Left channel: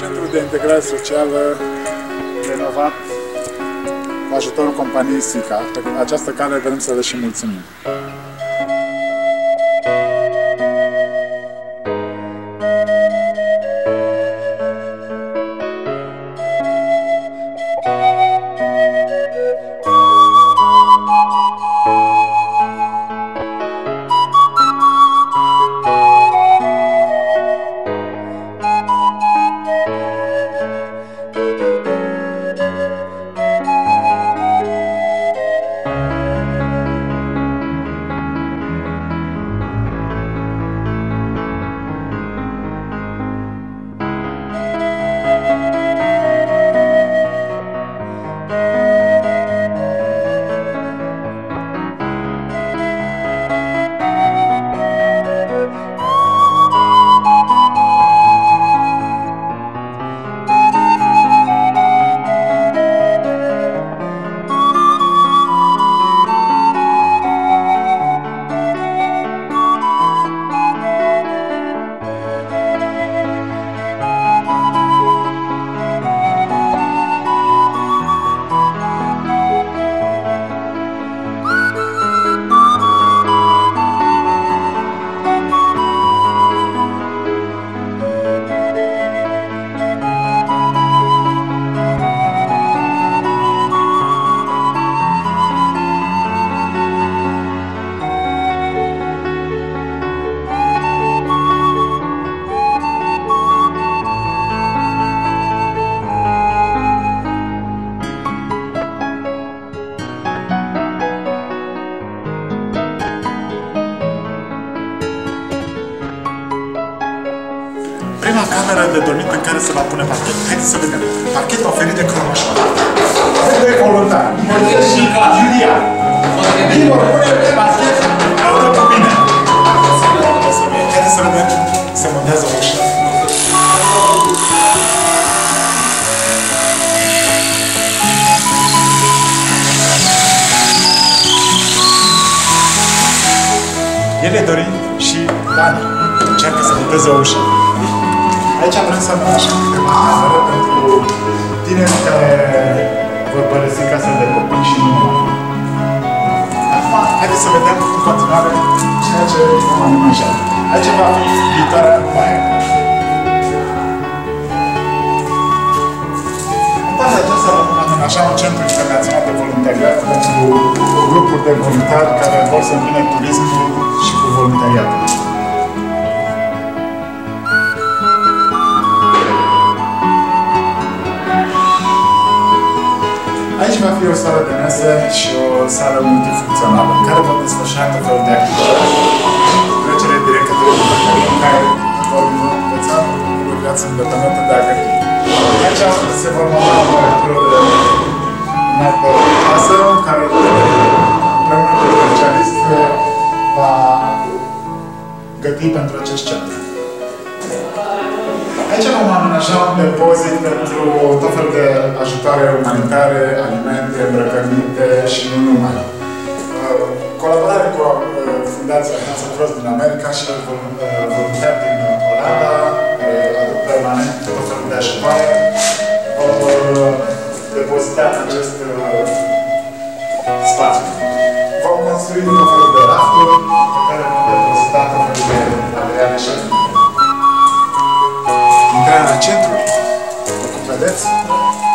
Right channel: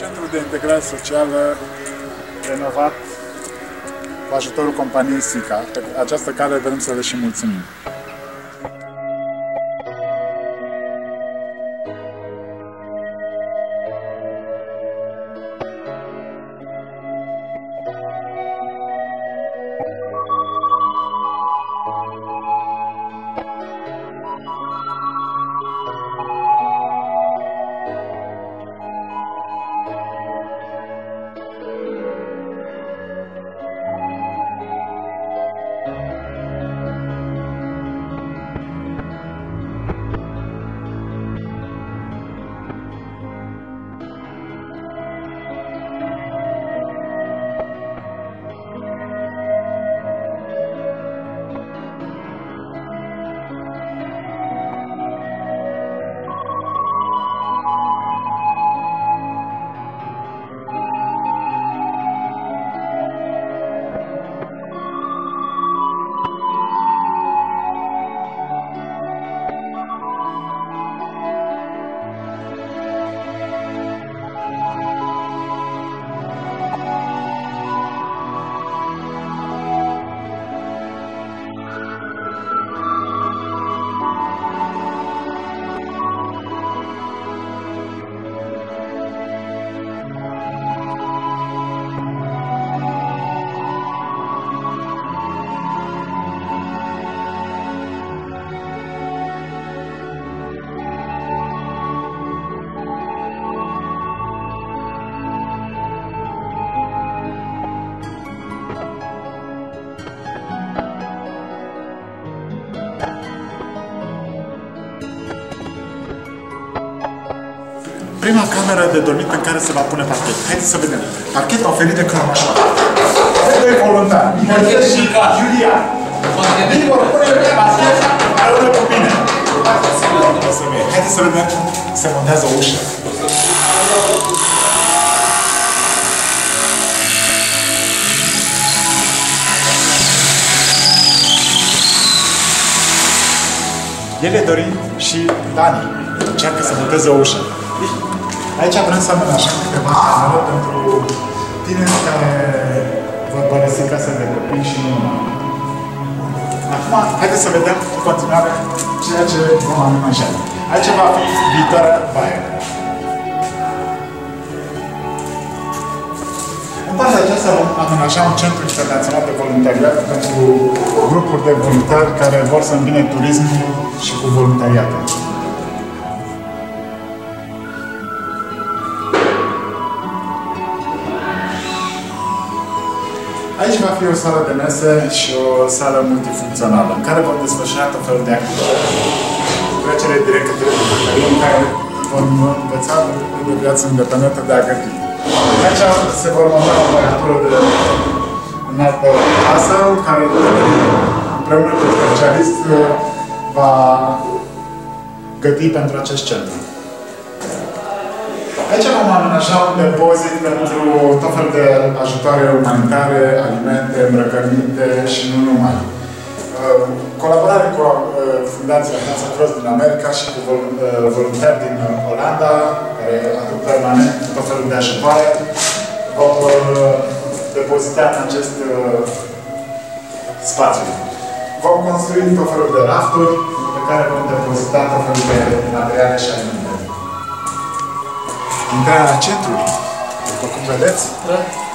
Centrul de integrare socială renovat cu ajutorul companiei SICA. Pe această cale vrem să le și mulțumim. Prima cameră de dormit în care se va pune parchet. Haideți să vedem. Parchet oferit de Cromașoara. Avem doi voluntari. Nicolae și Iulia. Ei vor pune parchet alături cu mine. Haideți să vedem cum se montează o ușă. El e Dorin și Dani încearcă să monteze o ușă. Aici vrem să amenajăm câteva camere pentru tineri care vor părăsi casa de copii și nu numai. Acum, haideți să vedem în continuare ceea ce vom amenaja. Aici va fi viitoarea baie. În partea aceasta vom amenaja un centru internațional de voluntariat pentru grupuri de voluntari care vor să îmbine turismul și cu voluntariatul. Aici va fi o sală de mese și o sală multifuncțională, în care vom desfășura tot felul de activități. Trecere direct către bucătărie, în care vom învăța de viață independentă de a găti. Aici se vor monta o aparatură de înaltă casă, în care împreună cu specialist va găti pentru acest centru. Aici vom amenaja un depozit pentru tot felul de ajutoare umanitare, alimente, îmbrăcăminte și nu numai. Colaborare cu Fundația Hansa Cross din America și cu voluntari din Olanda, care aduc permanent tot felul de ajutoare, vom depozita în acest spațiu. Vom construi tot felul de rafturi pe care vom depozita tot felul de materiale și alimente. Intrarea centrului. După cum vedeți,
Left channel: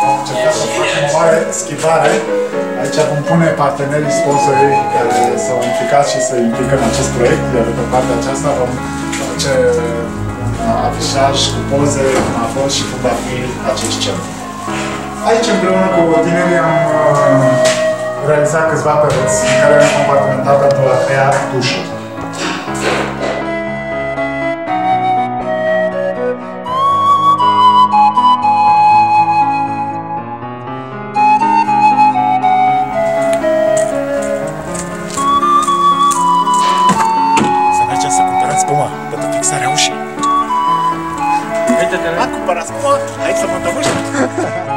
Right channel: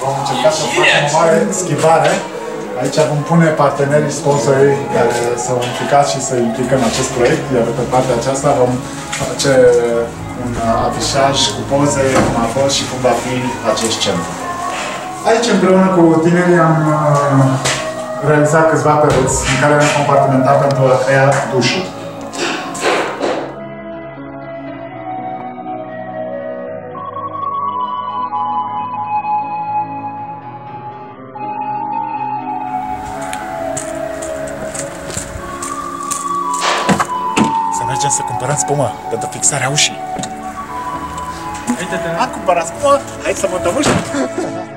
vom încerca să facem o mare schimbare. Aici vom pune partenerii, sponsorii care s-au implicat și se implică în acest proiect, iar pe partea aceasta vom face un afișaj cu poze, cum a fost și cum va fi acest centru. Aici, împreună cu tinerii, am realizat câțiva pereți în care am compartimentat pentru a crea dușuri. Să cumpărăm spumă pentru fixarea ușii. Am cumpărat spumă, hai să montăm ușa!